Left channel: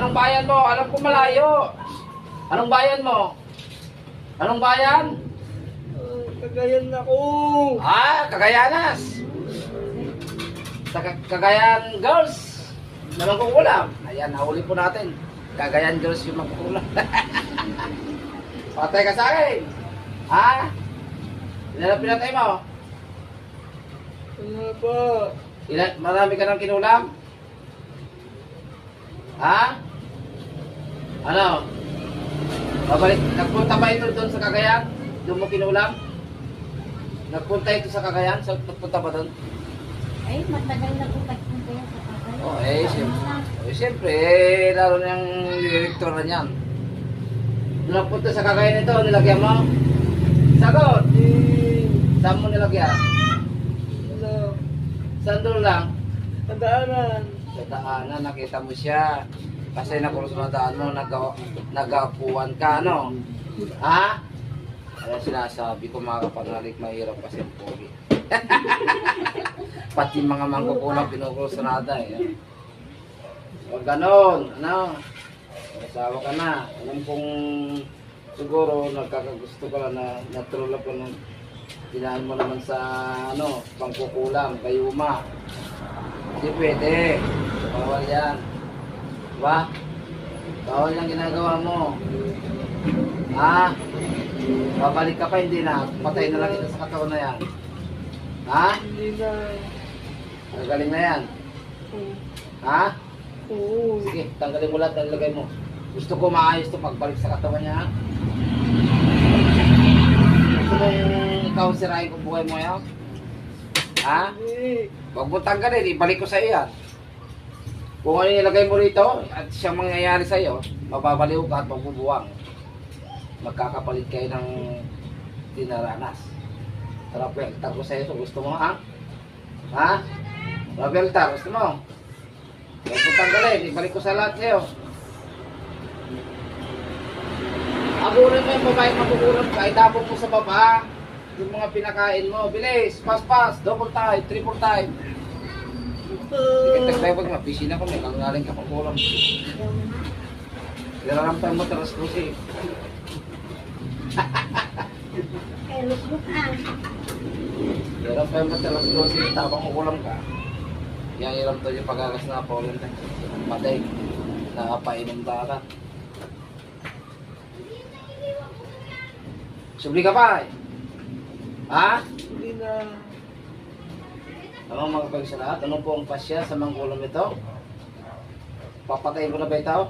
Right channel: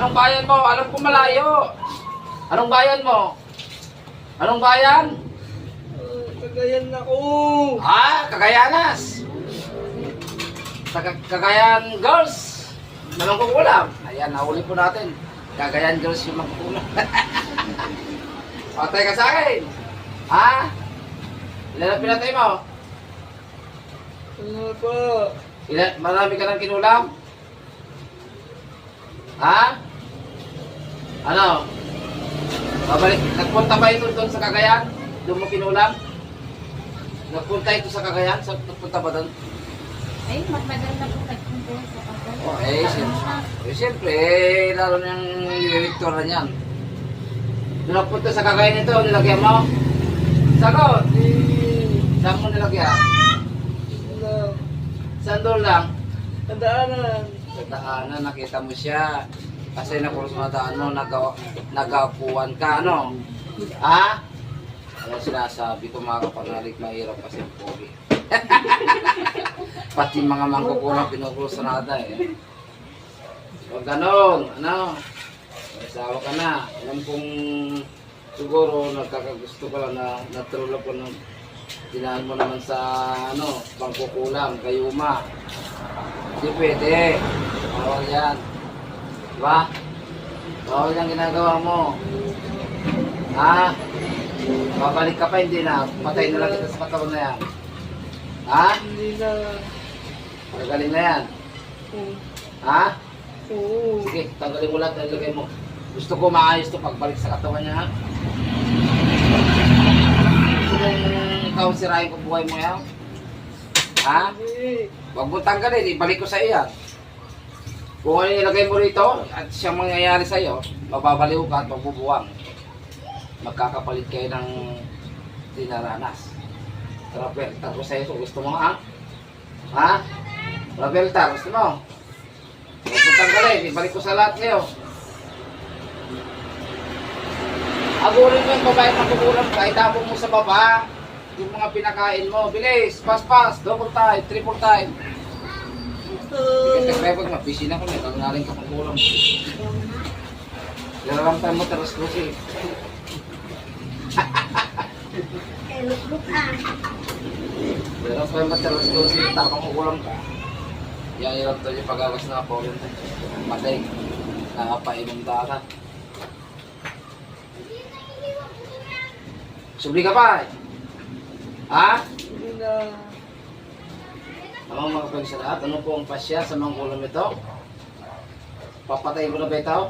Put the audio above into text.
Anong bayan mo? Alam ko malayo. Anong bayan mo? Anong bayan? Cagayan ako. Cagayanas. Cagayan Girls. Anong kukulam? Ayan, nahuli po natin. Cagayan Girls yung magkukulam. Patay ka sa akin. Ilan ang pinatay mo? Ano po? Marami ka ng kinulam? Ano? Babalik, nagpunta ba ito doon sa Cagayan? Doon mo kinulam? Nagpunta ito sa Cagayan? Nagpunta ba doon? Ay, matagal na po nagpunta yan sa Cagayan. Siyempre, lalo na yung director na yan. Doon nagpunta sa Cagayan ito, nilagyan mo? Sagot! Saan mo nilagyan? Wala. Saan doon lang? Kadaanan. Sa daanan, nakita mo siya. Kasi nakulos na daan mo, nagapuan ka, ano? Kaya sinasabi ko mga kapanalig, mahirap kasi ang pogi. Pati mga mangkukulang pinukulos na nada eh. Huwag ganon, ano? Asawa ka na. Alam kong siguro nagkakagusto ka lang na natulog ko ng dinaan mo naman sa ano, pangkukulang, kayuma. Hindi pwede. Bawal yan. Diba? Bawal yung ginagawa mo. Babalik ka pa, hindi na. Patay na lang kita sa katawan na yan. Hindi na. Magaling na yan. Oo. Sige, tanggalin mo lahat, ilagay mo. Gusto ko maayos to pagbalik sa katawan niya, ha? Gusto kong ikaw sirahin kung buhay mo yan? Hindi. Huwag mo tanggalin, ibalik ko sa iyo yan. Kung ano ilagay mo rito at siyang mangyayari sa iyo, mababaliw ka at magbubuwang. Magkakapalit kayo ng dinaranas. Rapel, tago sa iyo kung gusto mo, Rapel, gusto mo? Huwag mo tanggalin, ibalik ko sa lahat sa'yo. Agurin mo yung babae magkukulang ka, itapon mo sa baba. Yung mga pinakain mo, bilis, pass, double time, triple time. Nagpapag mo, busy na ko, may kangaling ka magkukulang. Yara lang tayo mo, taras ko siya. Yara lang tayo mo, taras ko siya, tapang kukulang ka. Yan hirap tayo yung pag-agas na kapawin. Matay, nakapainom dagat. Subli ka pa eh. Hindi na. Mga mga pagsalat, ano po ang pasya sa mangkulam ito? Papatayin ko na ba ito?